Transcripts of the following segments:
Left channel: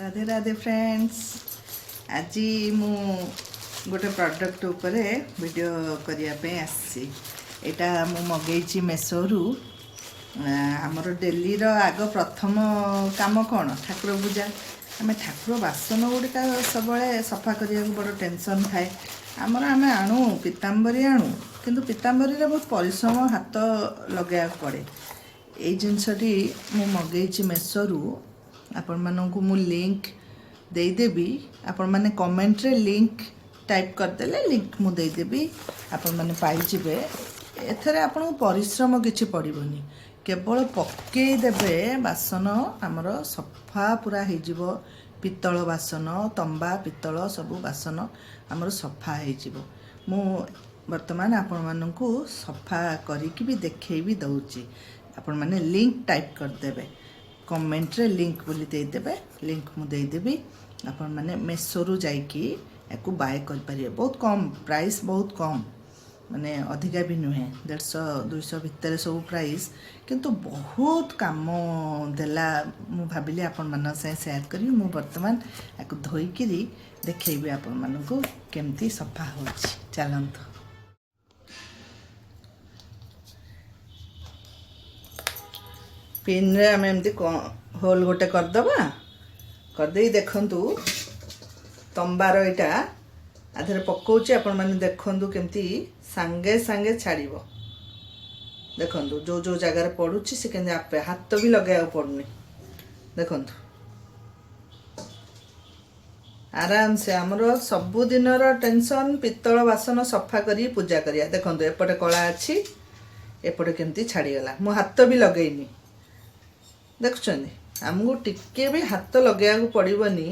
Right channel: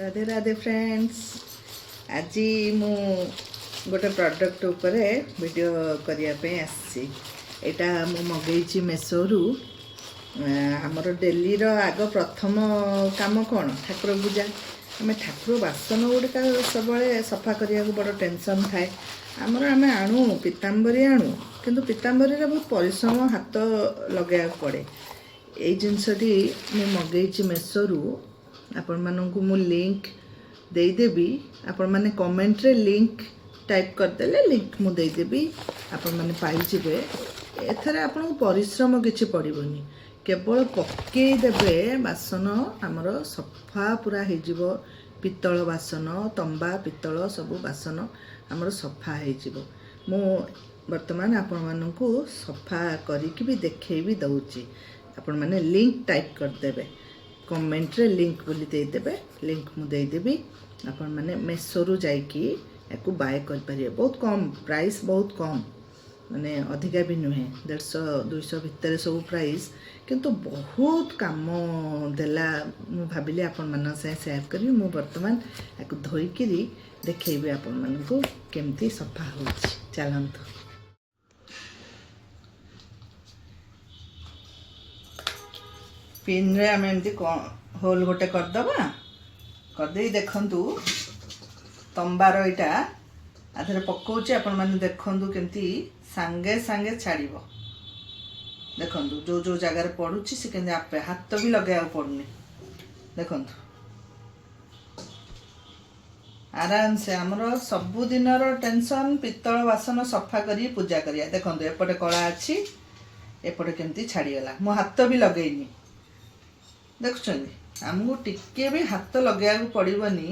Radhe Radhe friends. आज मु गोटे प्रोडक्ट उपरे वीडियो करने यहाँ मु मगेची मेसोरू आमर डेली आग प्रथम काम कौन ठाकुर पूजा आम ठाकुर बासन गुड़िका सब सफा करने को बड़ टेंशन थाए आमर आम आणु पीताम्बरी आणु किंतु पीताम्बरी बहुत परिश्रम हाथ लगे पड़े यही जिनसटी मु मगेची मेसोरू आपण मानू मु लिंक देदेवी आपण मैंने कमेंट रे लिंक टाइप करदेले लिंक मु देदेवी आपण मैंने पाइबे एथरे आपन परिश्रम किछि पड़िबनी केवल पकेदेवे बासन आमर सफा पूरा हो पितल बासन तंबा पितल सब बासन आमर सफा हो मु वर्तमान आपण मानू सफा करिकि भी देखै भी दउची आपण माने लिंक टाइप करदेवे कमेंट रे लिंक बोली देदेवे लिंक मु देदेवी आपण माने मेसोरू जाइकी याकू बाय कर परिए बहुत कम प्राइस बहुत कम माने अधिका भी नुहे 150-200 भितर सब प्राइस किंतु बहुत काम देला मु भाबिली आपण मान से शेयर करी मु वर्तमान याकू धोईकिरी देखैबे आपण मानकू केमती सफा होछि चलंत पिन रे आम एमती होल गोटे करदबा करदे देखंतु तंबार यहाँ आधे पकाउची आपण माने देखंतु केमती सांगे सांगे छाड़िबो देखंतु जो जो जगह रे पडुची से केंजे आपे हाथ भी लगे पड़नी देखंतु आराम से आमर सबुदिन टेंशन पितल बासन सफा करी पूजा करिया देखंतु एपटे कला अच्छी एपटे केमती छाड़ीगला मो हाथ भी लगेनी देखुଛନ୍ତି आमको टिके भी हाथ लगे पड़ोनी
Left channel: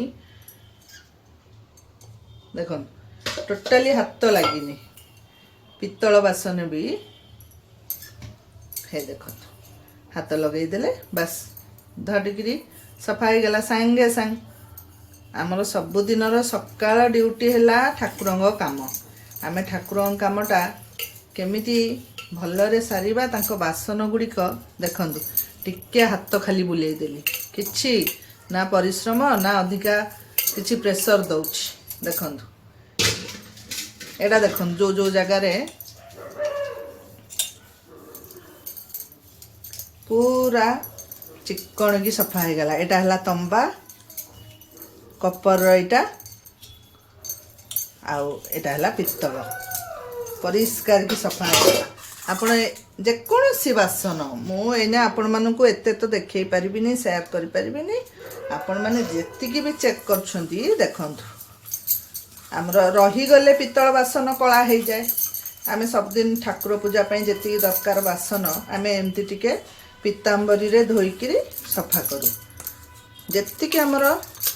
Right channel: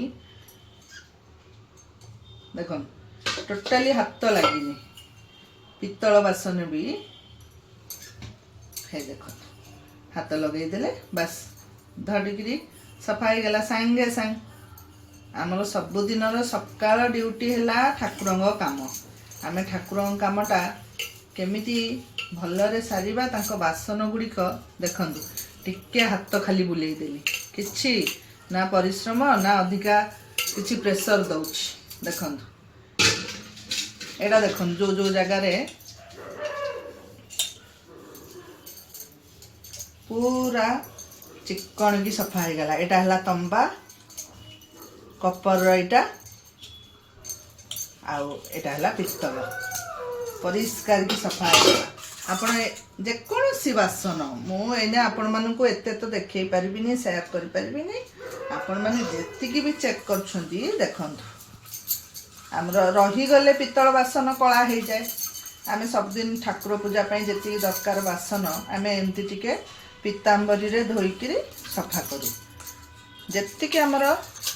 देख टोटाली हाथ लगिनी पितल बासन भी है देख हाथ लगेदेले बस धड़िकी सफा हो गला सांगे सांग आमर सबुदिन सकाळ ड्यूटी है ठाकुर काम आम ठाकुर कामटा केमिति भलरे सारिबा तांको बासन गुड़िक देखंतु टिके हाथ खाली बुले देली किछि ना परिश्रम ना अधिका किछि प्रेशर दउछि देखंतु एडा देखंतु जो जो जगह रे पूरा चिकन की सफा हो गला एटा हला तंबा कपर एटा आउ एटा हला पित्तल परिष्कार की सफा हो गला आपण जेकोसी बासन मुझे आपण मानू एत तो देखे पारिनी शेयर कर पारिनी आपण मैंने जी भी चेक कर देखंतु आमर रहीगले पितल बासन कला हो जाए आम सबदिन ठाकुर पूजा जी दरकार बासन आम एमती टिके पीताम्बरी रे धोईकी सफा करूँ जी आमर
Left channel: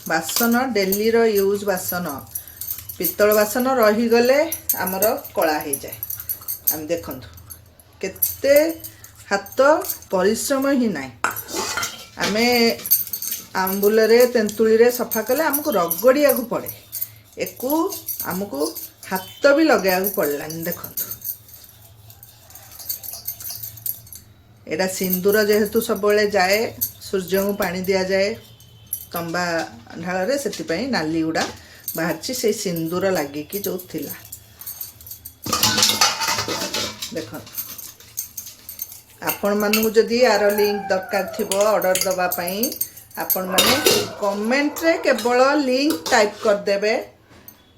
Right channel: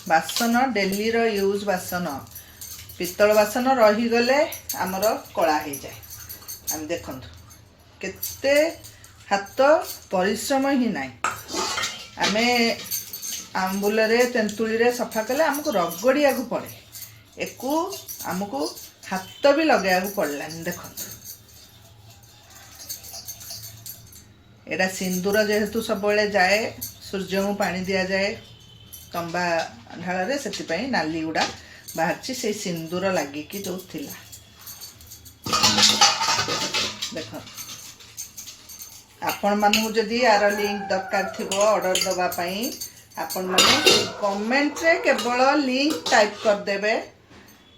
बासन डेली यूज बासन पितल बासन रहीगले आमर कला हो जाए आम देखंतु केते हाथ परिश्रम ही ना आम आंबुल तेंतुली रे सफा कले आमको रगड़िया को पड़े एकू आमको हाथ भी लगे पड़लानी देखंतु एटा सिंदूर जेहेतु सब जाए सूर्य को पानी दिया जाए तंबा ढाल रे से नाली गुड़ा बाहर से सिंदूर लगिकी जो थिला देख आपण मानू जदि यार लिंक दरकार थी ऑर्डर दवापाई आपण माने कमेंट रे केवल लिंक टाइप कर देबे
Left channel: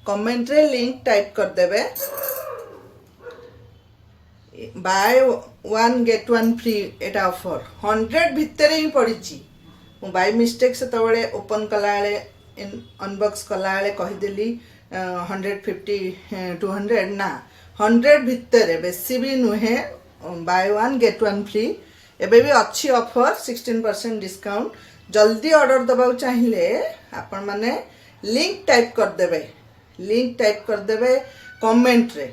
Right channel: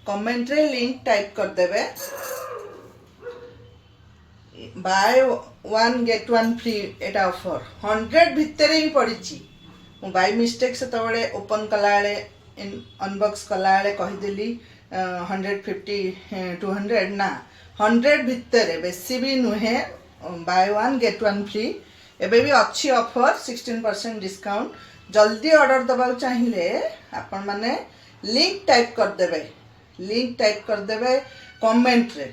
कमेंट रे लिंक टाइप कर देबे बाय 1 गेट 1 फ्री एटा ऑफर 100 भितर ही पड़ी बाय मिस्टेक से तबले ओपन कला अनबॉक्स कला कहीदेली 150 200 ना 100 भितर बेसी भी नुहे बाय 1 गेट 1 फ्री एबे भी अच्छी ऑफर 16% डिस्काउंट जल्दी ऑर्डर दबा चाहिए आपण माने लिंक टाइप कर देबे कमेंट रे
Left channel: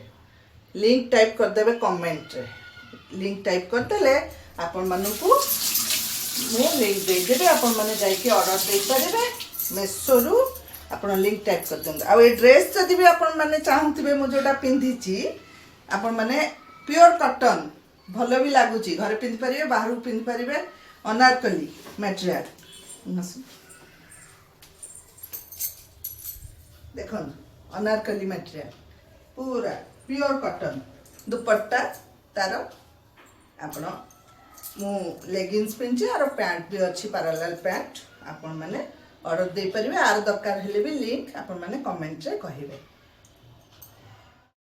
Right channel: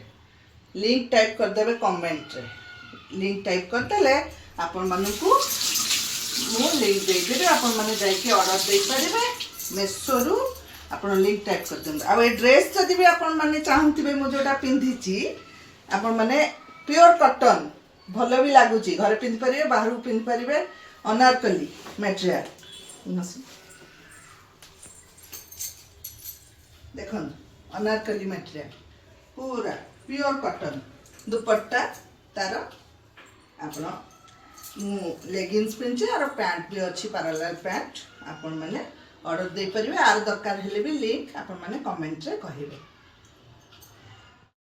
लिंक टाइप कर देबे कमेंट रे लिंक टाइप कर देले आपण मानकू मु लिंक दे देबे आपण माने जाई के ऑर्डर दे परिबे मेसोरू आपण लिंक टाइप कर देंगे आ ड्रेस जदि भी आपण माने चाहूथिबे मु जोटा पिंधिची आपण माने प्योर कॉटन भल भी लगुच घरे पिंधि पारे बाहर पिंधि पारे अनारकली मटेरियल देखो अनारकली मटेरियल पूरा प्योर कॉटन दुपट्टा तार आपण मु लेगिंग्स पिंचे और पैंट भी अच्छी पैरेलल पैंट आपण माने ऑर्डर दे परिबे आर दरकार हेले भी लिंक आपण माने कमेंट रे कहिबे।